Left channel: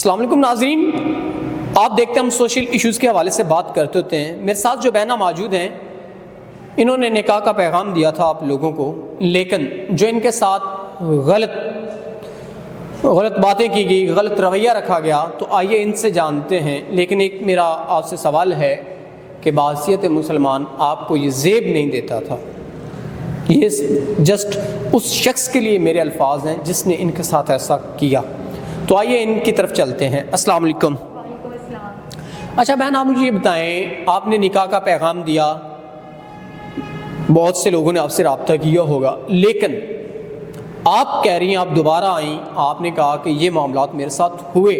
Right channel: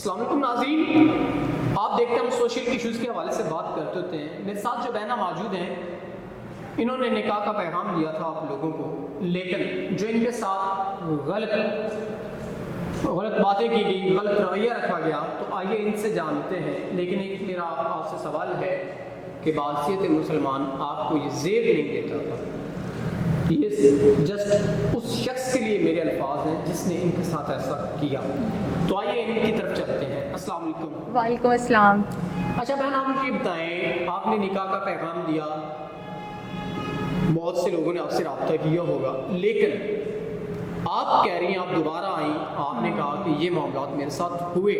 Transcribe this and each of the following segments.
السلام علیکم ناظرین، آپ دیکھتے ہیں ہم سوشل ایشوز کے حوالے سے بات کرتے ہوتے ہیں۔ میرے ساتھ جو بہنیں موجود ہیں، انہوں نے نکاح کا پیغام دیا تھا آپ لوگوں کو، لیکن جو ان کے ساتھ غلط باتیں کی گئی، غلط رویہ رکھا گیا، تو آئیے ان سے جانتے ہیں۔ لیکن ایک میرا آپ سے سوال ہے کہ بحیثیت مسلمان آپ کو یہ زیب نہیں دیتا تھا۔ یہ جسٹ اس شخص کے لیے میرے الفاظ ہیں جس نے ان کے ساتھ ایسا کیا۔ تو آئیے ان کی طرف چلتے ہیں۔ السلام علیکم۔ وعلیکم السلام۔ اچھا بہن، آپ مجھے یہ بتائیں، آپ نے نکاح کا پیغام دیا، بہت سے لوگوں نے آپ سے رابطہ کیا ہوگا، لیکن آپ کہہ رہی ہیں آپ دوبارہ آئیں، آپ نے کہا کہ یہ معاملات میرے ساتھ ہوئے،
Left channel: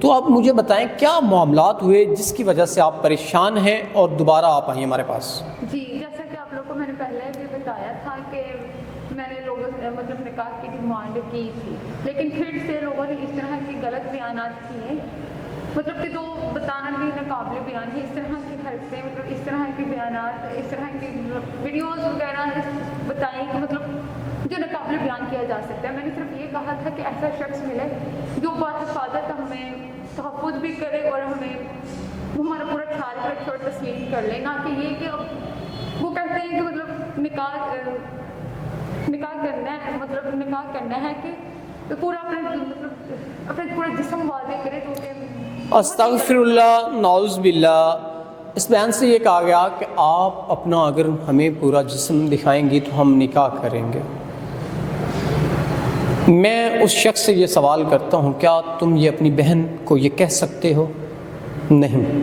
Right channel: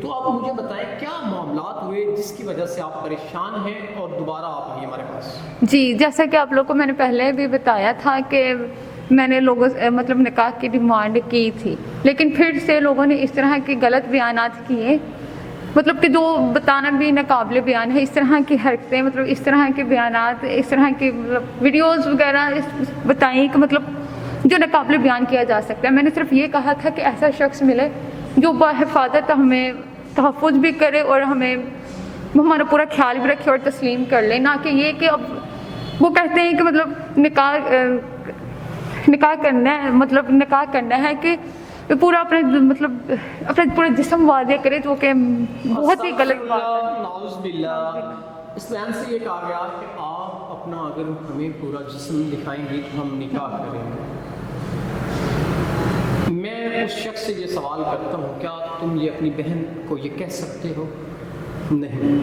تو آپ مجھے بتائیں کیا معاملات ہوئے جس کی وجہ سے آپ پریشان ہیں اور دوبارہ آپ آئیں ہمارے پاس؟ جی، جیسا کہ آپ لوگوں کو میں نے پہلے بھی بتایا تھا کہ میں نے لوگوں سے نکاح کی ڈیمانڈ کی تھی، لیکن پھر سے لوگوں نے اس طرح کے غلط بیانات کیے، کہ جو بتانا بھی ناقابل بیان ہے، اس طرح کی حرکتیں، اس طرح کے بیانات، اس طرح کی ویڈیوز وغیرہ بتائیں کہ جو ناقابل بیان کیا جا سکتا ہے۔ میں نے صرف یہ کہا تھا کہ ایسا شخص ملے جو بحفاظت ہمیں تحفظ بھی کرے اور ہمارا پورا خیال بھی رکھے اور تسلیم کر لے، نہ کہ یہ کہ اب وہ کہتے ہیں کہ نکاح کرنا ہے کہ پورا اپنا پورا جسم واضح کرے، جو کہ استغفر اللہ، نعوذ باللہ۔ اس بیان سے یہ کہا گیا کہ آپ اپنا اگر ہمیں پورا جسم دکھائیں گی تو ہم نکاح کریں گے۔ میں اس شخص سے یہ سوال کرتا ہوں، کیا تم یہ اپنی بہن کو یہ کہہ سکتے ہو؟ نہیں۔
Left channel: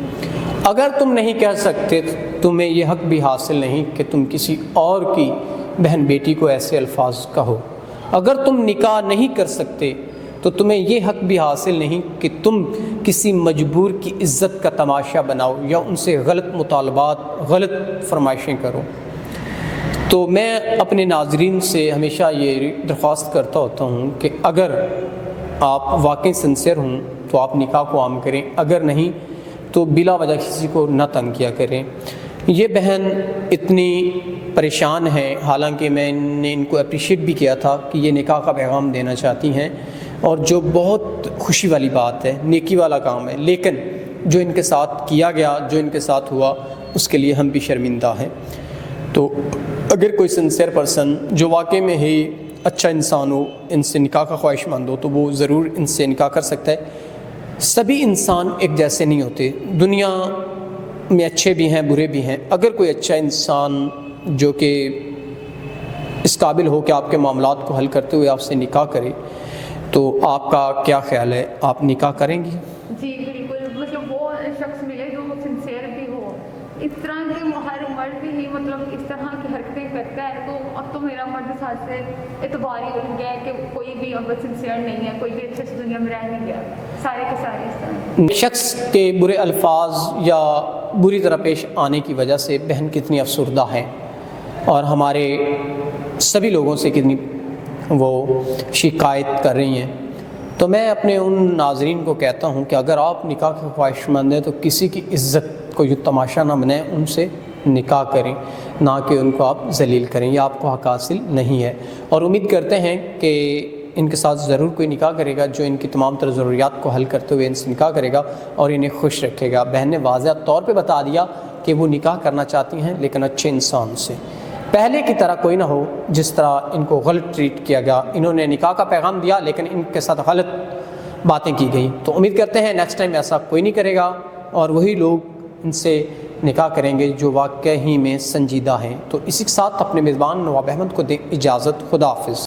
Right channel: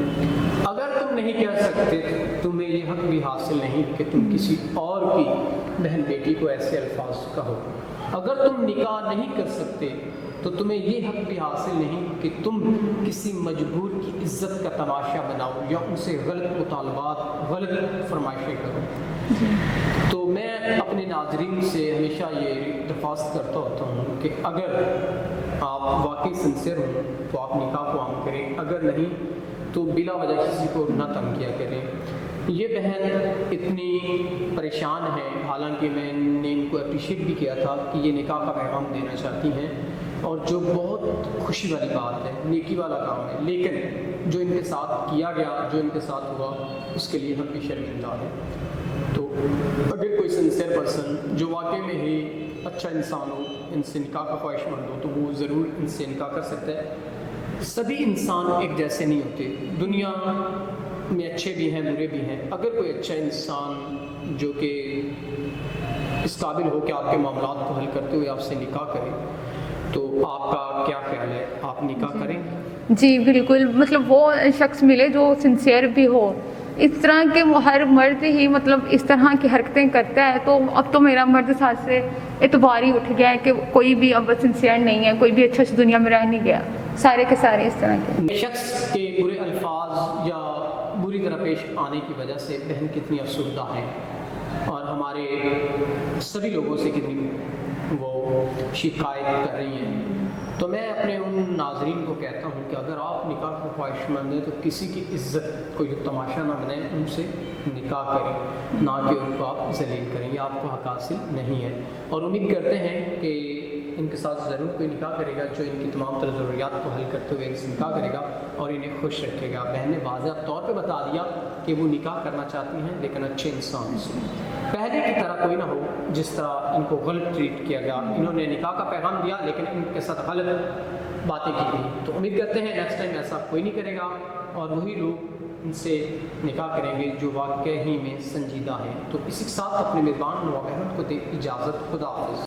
اگر تم نہیں کہہ سکتے تو تمہیں یہ حق بھی حاصل نہیں کہ تم کسی اور کی بہن بیٹی کو ایسے الفاظ کہو۔ اگر تم نکاح نہیں کر سکتے تو تمہیں یہ حق بھی حاصل نہیں کہ تم کسی مجبور کی عزت کا تماشا بناؤ یا ان سے غلط مطالبات، غلط فرمائشیں کرو۔ تو میں اپنے ناظرین سے ہمیشہ یہ درخواست کرتا ہوتا ہوں کہ اگر آپ واقعی سنسیئر ہوں تو آپ نکاح کو عام کریں، اگر نہیں تو بلا وجہ کسی کو نہ تنگ کیا کریں۔ یہ بہن اتنی پریشان ہے، حالانکہ میں نے ان کو اپریشیٹ بھی کیا تھا کہ یہ نکاح کا پیغام دینا چاہتی ہیں، اور جو بہت خوشی والی بات ہے، نیکی والا کام ہے، لیکن جو ان کے ساتھ کیا گیا، جو ان کے ساتھ ہوا، اس کے لیے ہم بھی شرمندہ ہیں۔ تو اگر کوئی سنسیئر پرسن جو واقعی میں ہی اچھا انسان ہو، ان سے نکاح کا خواہش مند ہو، تو وہ ضرور ان سے نکاح کر سکتا ہے۔ سبھی انسان ایک جیسے نہیں ہوتے، دنیا میں اچھے بھی ہیں، برے بھی ہیں۔ اگر کوئی اچھا انسان جو کہ اس قابل ہو کہ آپ کے معاملات کو حل کرتے ہوئے آپ سے نکاح کرے، تو آپ کا کیا خیال ہے، آپ نکاح کریں گی؟ جی بالکل، وہ شخص ملے جو سنسیئر بھی ہو۔ اس طرح کے ہر مرد ہی اس طرح کی حرکتیں کرتا ہے، تو اب تو میرا مرد ساتھ سے اعتبار ہی اٹھ گیا ہے کہ کوئی بھی اب سنسیئر نہیں ہے، کوئی بھی اچھا دنیا میں رہ نہیں گیا، سارے کے سارے اس طرح کے شخص کے برے الفاظ یا بری طرح پیش آنے کی وجہ سے بہن کتنی افسردہ ہیں، اور ہمارے سبھی لوگوں سے کتنی وہ شکایت کر رہی ہیں۔ تو میں اپنے ان ناظرین کو کہتا ہوں کہ اگر آپ نکاح کے خواہش مند ہیں تو کسی کی عزت کو یہ تماشا نہ بنائیں، ان سے نکاح کریں، نہ کہ ان کو آپ ذلیل کریں، یہ آپ کو حق حاصل نہیں ہے۔ اور امید کرتے ہیں کہ ان کے ساتھ ضرور کوئی نکاح کرے گا جو ان کی تمام تر ضروریات کو حل کرتے ہوئے ان سے نکاح کرے گا اور انہیں خوش رکھے گا۔ بہن نے واضح طور پہ بتا دیا کہ وہ نکاح کرنا چاہتی ہیں، لیکن اچھے انسان سے، پہلے کی طرح کوئی نہ ہو جس طرح ان کو غلط ٹریٹ کیا گیا۔ انہوں نے نکاح کا پیغام دیا لیکن ان کے ساتھ غلط باتیں کی گئی۔ تو امید کرتے ہیں نیکسٹ ٹائم ایسا کوئی نہیں کرے گا، اور وہی لوگ ان سے نکاح کریں گے جو واقعی میں سنجیدہ ہیں۔ تو اسی کے ساتھ اپنے میزبان نواب احمد کو دیں اجازت۔ خدا حافظ۔